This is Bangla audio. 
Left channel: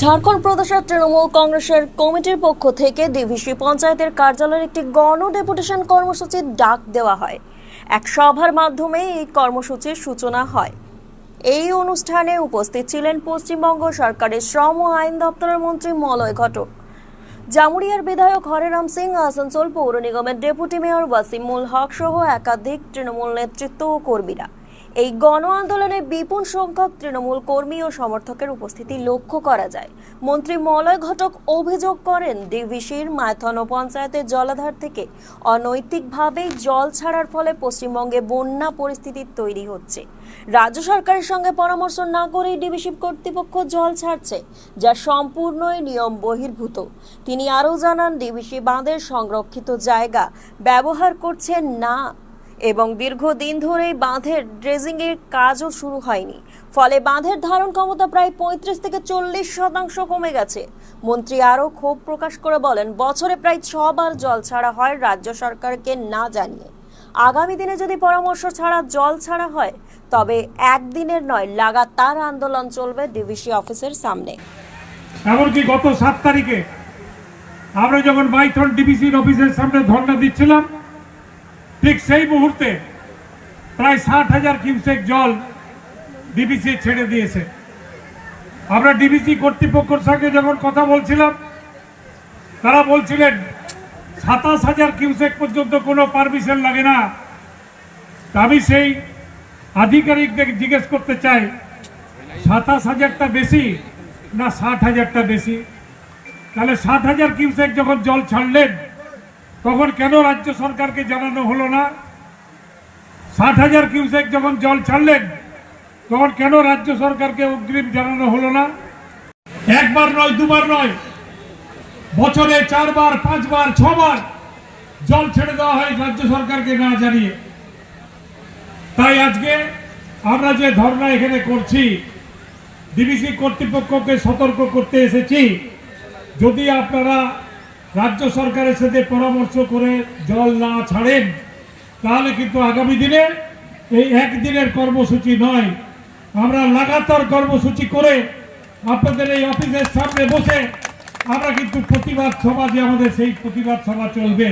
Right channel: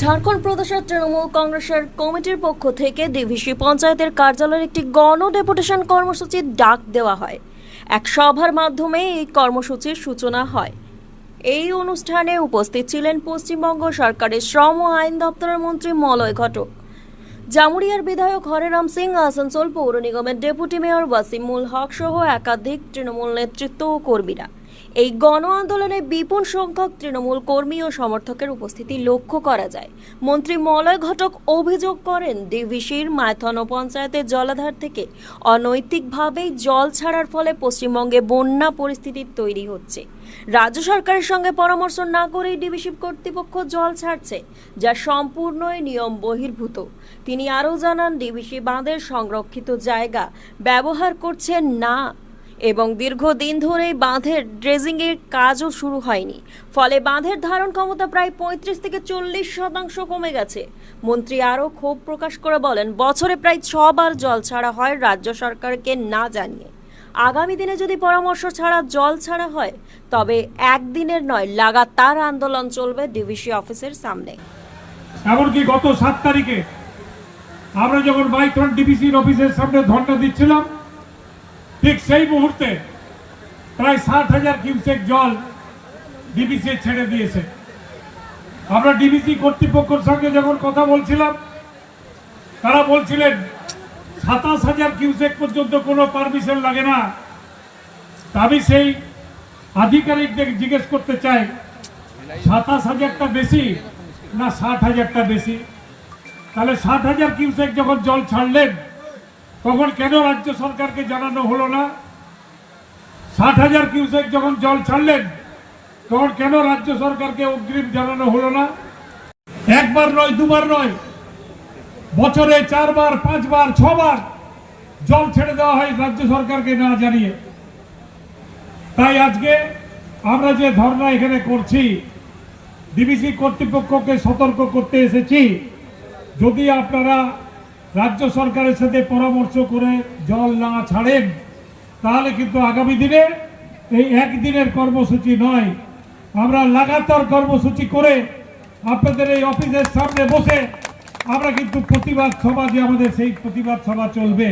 ঝাড়খণ্ড প্রদেশের তৃণমূল কংগ্রেসের কমিটির পক্ষ থেকে ডিভিসি পঞ্চায়েতের কার্যালয়ের একটি গণ ডেপুটেশন কর্মসূচির ডাক দেওয়া হয়। এক সভার মাধ্যমে এই কর্মসূচির সূচনা হয়। এই অনুষ্ঠানে উপস্থিত ছিলেন পশ্চিমবঙ্গ সরকারের শ্রম ও আইন দপ্তরের মন্ত্রী মলয় ঘটক, জামুরিয়ার বিধায়ক হরেরাম সিং, আসানসোল পৌর নিগমের ডেপুটি মেয়র ওয়াসিমুল হক সহ একাধিক তৃণমূল নেতৃত্ব ও কর্মীরা। এই গণ আন্দোলনে বিপুল সংখ্যক তৃণমূল কর্মী ও সমর্থকের উপস্থিতি লক্ষ্য করা যায়। মন্ত্রী মলয় ঘটক অভিযোগ করেন, ডিভিসির মাইথন পঞ্চায়েতের জলাধার থেকে অনৈতিকভাবে জল ছাড়ার ফলে পশ্চিমবঙ্গে বন্যা পরিস্থিতি তৈরি হচ্ছে। রাজ্য সরকারের সঙ্গে পরামর্শ না করেই ডিভিসি কর্তৃপক্ষ জল ছাড়ছে, যা সম্পূর্ণই নিয়ম বহির্ভূত। তিনি আরও জানান, ডিভিসি বাঁধের সংরক্ষিত জায়গা ব্যবহার করছেন না এবং দীর্ঘদিন ধরেই বাঁধের ড্রেজিংয়ের কাজও শুরু হয়নি, ফলে বাঁধের ধারণ ক্ষমতা প্রায় 35 থেকে 40% কমে গেছে। মন্ত্রী আরও ক্ষোভ প্রকাশ করে বলেন, বছরে প্রায় 6 বার জল ছাড়া হয় রাজ্য সরকারকে না জানিয়ে। আগামী দিনে যদি পরামর্শ ছাড়া জল ছাড়া হয়, তবে একদিনের নয়, লাগাতার আন্দোলন চলবে ডিভিসি অফিসের সামনে। এমনকি গত 7 তারিখে আমরা যখন মাইথন ডিভিসির অফিসের সামনে ধর্ণা দিচ্ছিলাম, ঠিক সেই মুহূর্তে প্রায় 60,000 কিউসেক জল ডিভিসি ছেড়ে দিয়েছে। আমরা ডিভিসি কর্তৃপক্ষের সঙ্গে যখন কথা বলছিলাম, তারা বলছিলেন 27,000 কিউসেক পর্যন্ত কোনো পারমিশন লাগে না। আমি সেই আধিকারিকদের জিজ্ঞেস করতে চাই, 27,000টা বেশি না 60,000টা বেশি? তাহলে 60,000 কিউসেক যখন জল ছাড়লেন, তখন কেন রাজ্য সরকারকে জানানো হলো না? 60,000 কিউসেক যখন জল ছাড়লেন, তখন কেন রাজ্য সরকারকে অগ্রিম জানানো হলো না? একবার নয়, দুবার নয়, বছরে 4 বার, 5 বার, 6 বার জল ছেড়ে দেওয়া হয় রাজ্য সরকারকে না জানিয়ে। তাই আজকে আমরা যে ধর্ণা এখানে করছি, ডিভিসি কর্তৃপক্ষকে সতর্ক করতে এসেছি, যদি আপনারা রাজ্য সরকারের সাথে পরামর্শ করে জল না ছাড়েন, তাহলে কিন্তু আগামী দিনে এই একদিনের কর্মসূচি নয়, আমরা লাগাতার কর্মসূচি করে আপনাদের এই অফিসের সামনে বসে আমরা কিন্তু প্রতিবাদ সভা, যে আমাদের সেই প্রতিবাদ সভা চলবে।